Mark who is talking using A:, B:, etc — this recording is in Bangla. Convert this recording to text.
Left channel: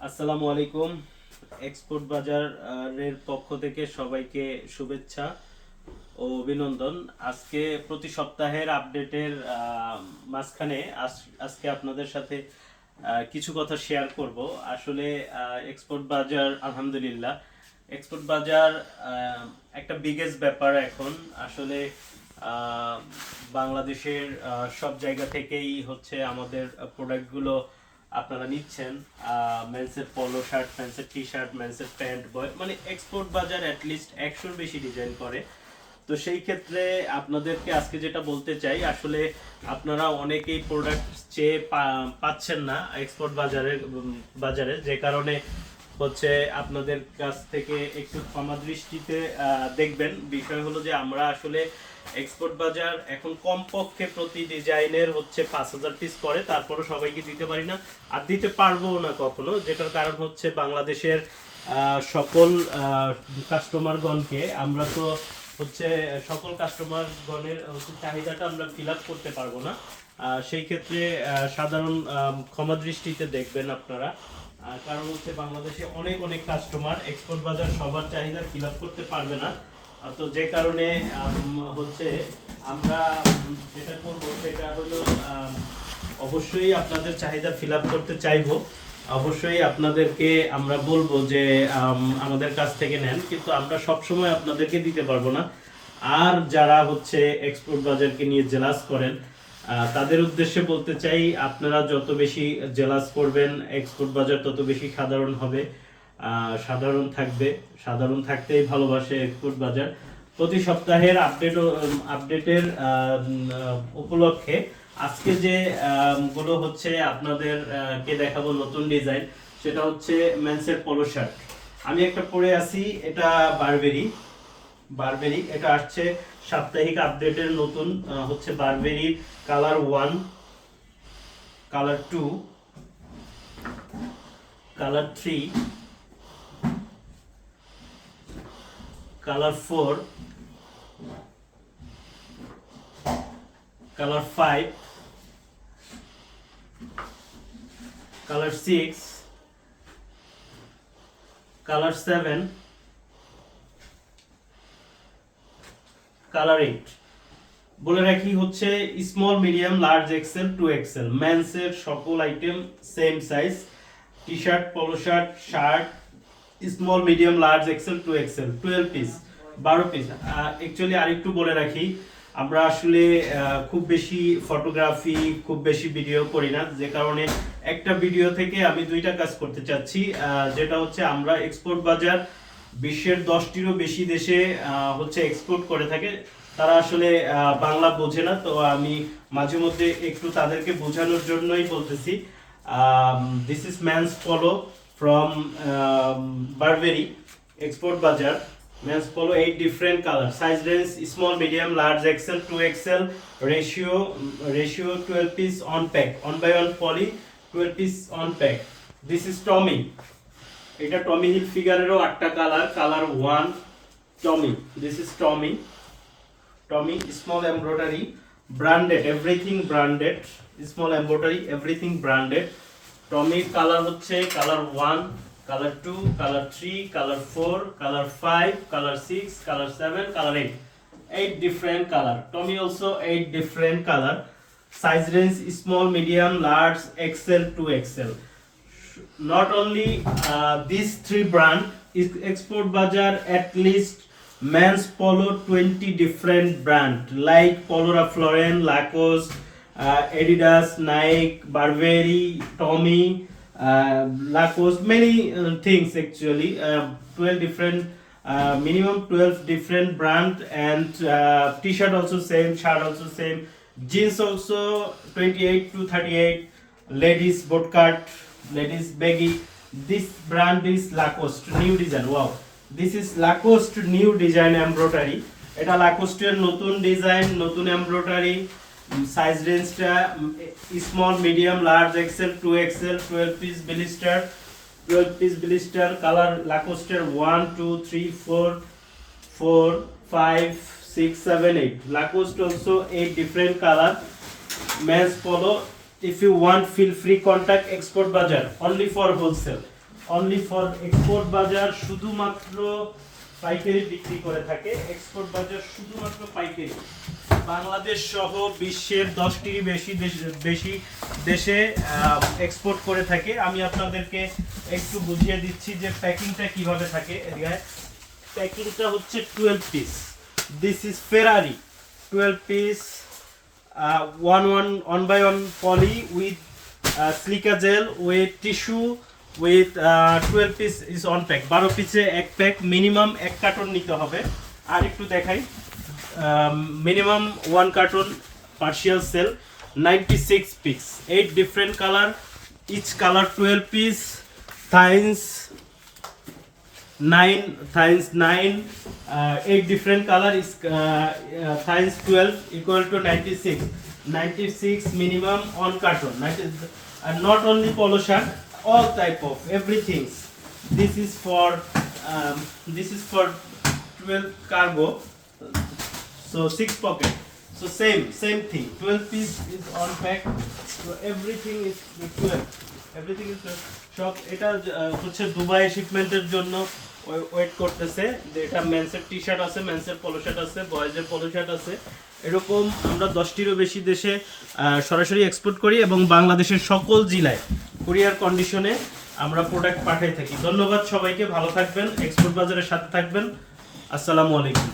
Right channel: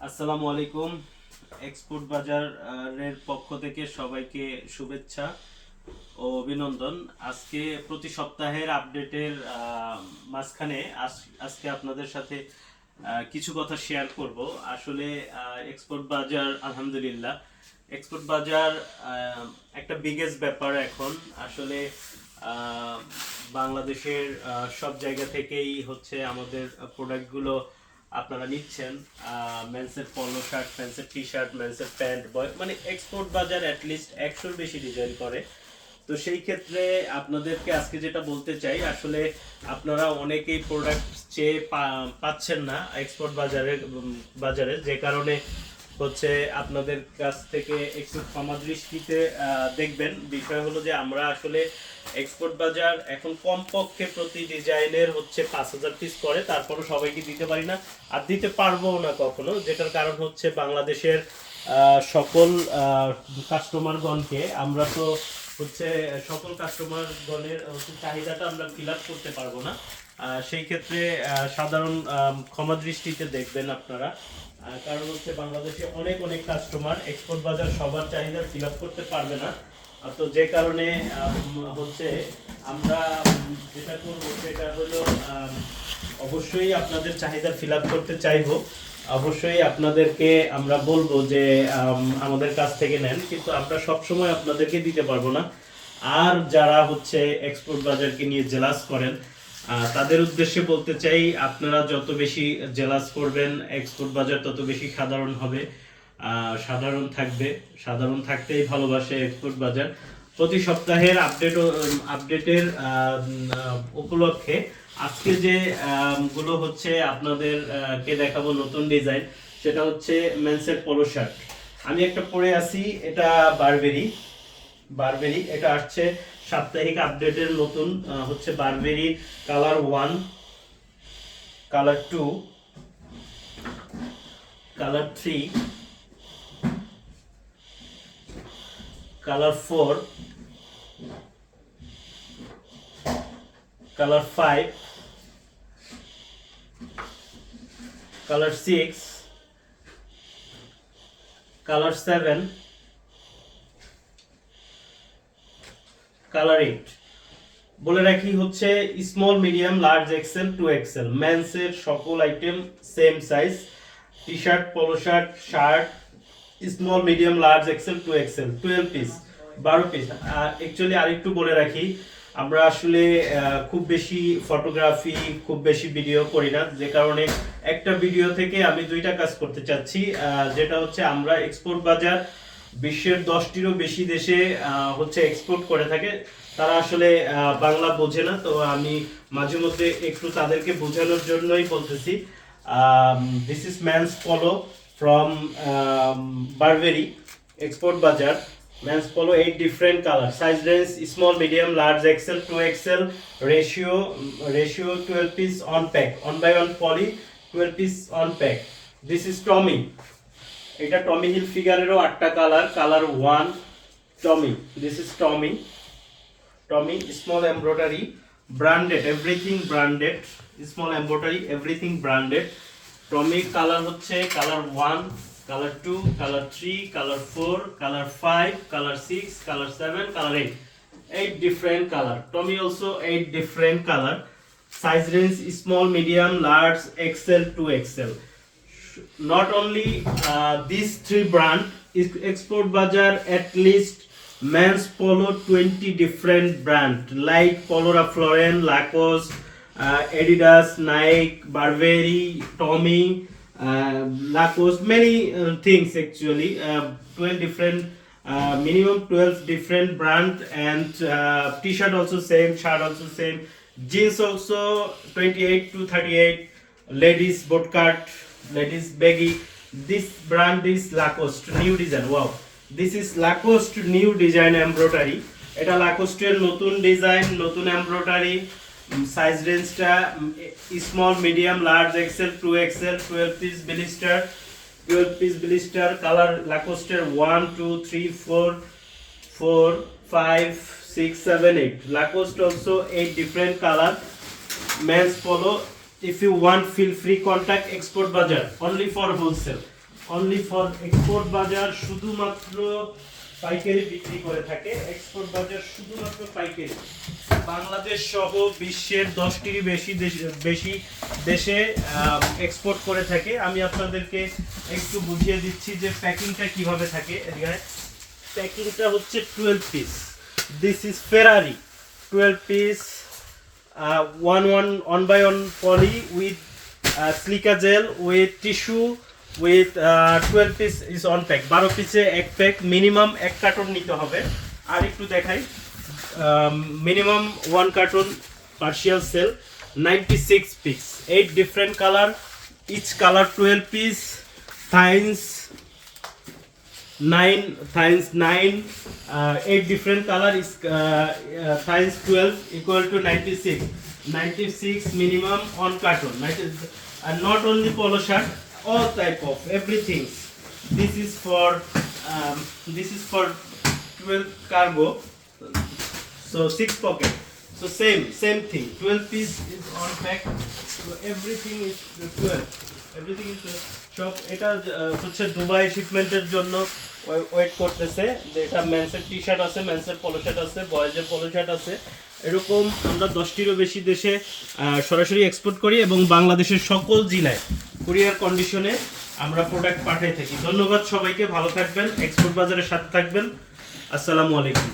A: আসসালামু আলাইকুম। এক্সপোর্ট বাজারের পক্ষ থেকে সবাইকে শুভেচ্ছা ও অভিনন্দন। আজকে প্রতি সপ্তাহের আপডেটের মাঝখানে আজ- আজকে আপনাদের সাথে কিছু কথা শেয়ার করব। আসলে এক্সপোর্ট বাজার, আলহামদুলিল্লাহ, এক্সপোর্ট বাজার একটা বিগেস্ট ব্যাপার এখন। আসলে বাংলাদেশের সব জায়গা থেকেই হচ্ছে আমাদের প্রোডাক্টগুলো আপনারা নিচ্ছেন মেন্সের পলো শার্ট মেন্সের টি শার্ট মেন্সের প্যান্ট বয় মানে এক্সপোর্ট বাজার অ্যাটলিস্ট একশোর বেশি ডিজাইন করে। তো সেই ক্ষেত্রে আপনাদেরকে আজকে যেটা বলতে চাই, আসলে আপনারা অনেকেই প্রোডাক্ট চেয়ে পাচ্ছেন না এক্সপোর্ট বাজারে বাজারে। যে কারণে হচ্ছে আপনাদের কাছ থেকে একটু ক্ষমা দৃষ্টিতে দেখবেন। বিষয় হলো যে আমরা আসলে এক্সপোর্ট বাজার এখন কমপক্ষে প্রতি ডিজাইনের হচ্ছে পাঁচ হাজার পিস করে তারপরে সবাইকে দিতে পারি না আর দিতে পারব না কখনো, যেটার কারণ হচ্ছে বাংলাদেশের সকল কাস্টমারগণকে আমরা তো হচ্ছে সকল কাস্টমারগণের চাহিদাটা আমরা ফিল আপ করতে পারব না। সেই ক্ষেত্রে সাধারণ ক্ষমা দৃষ্টিতে দেখবেন আপনারা। কারণ হচ্ছে বাংলাদেশে অনেক অনেক কাস্টমার এক্সপোর্ট বাজার সবার চাহিদা ফিল করতে পারবে না। তো যে কারণে হচ্ছে আমরা যেটা করব সেটা হলো অবশ্যই আপনাদের চাহিদা ফিল করতে চাইব। অবশ্যই আপনাদেরকে আমরা বলব যে আম, আমাদের কাছ থেকে নেন কিন্তু আমরা সবসময় আপনাদেরকে দিতে পারব না। আর যারা হচ্ছে এক্সপোর্ট বাজারকে নিয়ে জেলাস করেন তাদের উদ্দেশ্যে বলতে চাই, আপনারা যত বেশি জেলাস করবেন এক্সপোর্ট বাজার তত বেশি সাধারণ হবে। সাধারণ থাকবে। সাধারণ থাকতেই ভালোবাসে এক্সপোর্ট বাজার। প্রতি সপ্তাহের আপডেট আপডেটের উপলক্ষে আজকে যে গুলো হচ্ছে আপনাদের কে দেখাবো নতুন ডিজাইন সেটা হচ্ছে মেন্সের পোলো শার্ট আমি একটা পরে আছি, এটা বারবেরি বারবেরি, এটা আসছে সাপ্তাহিক আপডেটের নতুন হচ্ছে Burberry colour one, colour two, colour three, colour four, colour five, colour six, colour seven colour eight. বলে রাখি হচ্ছে small medium large XL two XL মেন্সের সকল item same size T shirt polo shirt shirt small medium large XL two XL twelve piece বারো পিস অ্যাকচুয়ালি আরেকটু বলে রাখি, আমরা আসলে খুব বেশি ফটোগ্রাফি খুব বেশি ভিডিও করি না। যে কারণে একটা ভিডিও থেকে আমি দুইটা কাজ করতে চাচ্ছি যেটা হচ্ছে আমরা এক্সপোর্ট বাজার বিশ্বের দশটিরও বেশি দেশে হচ্ছে এক্সপোর্ট করে থাকে। তারা আসলে বাংলা বোঝে না। তো আমি মাঝে মধ্যে একটু তাদেরকে বোঝানোর জন্যই বলতেছি। This is men's polo from Burberry export বাজার। Men's polo eight different colour size range small medium large XL two XL ratio ratio twelve piece on pack on by on poly twelve piece on pack this is Tommy এটা টমি হিল ফিগারেরও আটটা colour colour one Tommy this is Tommy Tommy small embroidery branded everything branded small embroidery everything branded Tommy colour হচ্ছে colour one colour two colour three colour four colour five colour six colour seven colour eight eight different color. Tommy also eight different color. Size range small, medium, large xl to xl not only uh, these three brand is export bazaar at least men's polo 20 different brand like polo Ralph Lauren lacoste uh, adidas nike burberry tommy uh, lacoste many uh, things actually uh, 12 different uh, minimum 12 different brand and uh, t-shirt also same shirt also same jeans also 28 to 38 ladies boot cut ladies baggy this brand is lacoste new design wow this is lacoste new design embroidery এটা লাকোস্টের নতুন ডিজাইন নতুন এমব্রয়ডারি সাইজ রেঞ্জটা small medium large XL two XL twelve piece blister twelve piece blister colour লাকোস্টের one two three four four, five, six, seven, eight. Lacoste also eight different color. Men's polo. If you want, feel free contact Export Bazaar. Only for wholesale. Only for export বাজার শুধুমাত্র পাইকারি বিক্রি করে থাকে। এক্সপোর্ট বাজার শুধুমাত্র পাইকারি। বাংলাদেশ সহ বিশ্বের দশটিরই বেশি বেশি দেশে এক্সপোর্ট করে থাকে। আমি আপনাদেরকে একটু বুঝিয়ে দিচ্ছি যে প্যাকিংটা কীভাবে থাকে প্যাকিংটা হচ্ছে twelve piece this is Ferrari twelve piece one one one by one poly with silica gel with tissue with twelve piece is on pack বারো পিসে এক প্যাক মিনিমাম এক কার্টন নিতে হবে। আর একটু দেখাই। Minimum one carton partial sale ninety six piece eight different colour each colour twelve piece since nine uh, eight different color is uh, uh, times 12 equal to 96 96 minimum on carton 90, and not only polo shirt all type of everything this is for um, this is for 12 cargo so six pocket so same same thing 12 piece is on pack so everything is 12 is 12 সব এটা হচ্ছে দুবাই শিপমেন্টের জন্য ওয়েট করতেছে। এটা মেন্সের টি শার্ট আছে মেন্সের পলো শার্ট আছে বয়েজের পলো শার্ট আছে। এরকম আমরা দশটিরও বেশি দেশে সরাসরি এক্সপোর্ট করি এবং বাংলাদেশের সকল জেলায় কুরিয়ার কন্ডিশনে আমরা প্রোডাক্ট পাঠাই থাকি। ধন্যবাদ সবাইকে, ভালো থাকবেন এক্সপোর্ট বাজারের সাথে থাকবেন। আসসালামু আলাইকুম।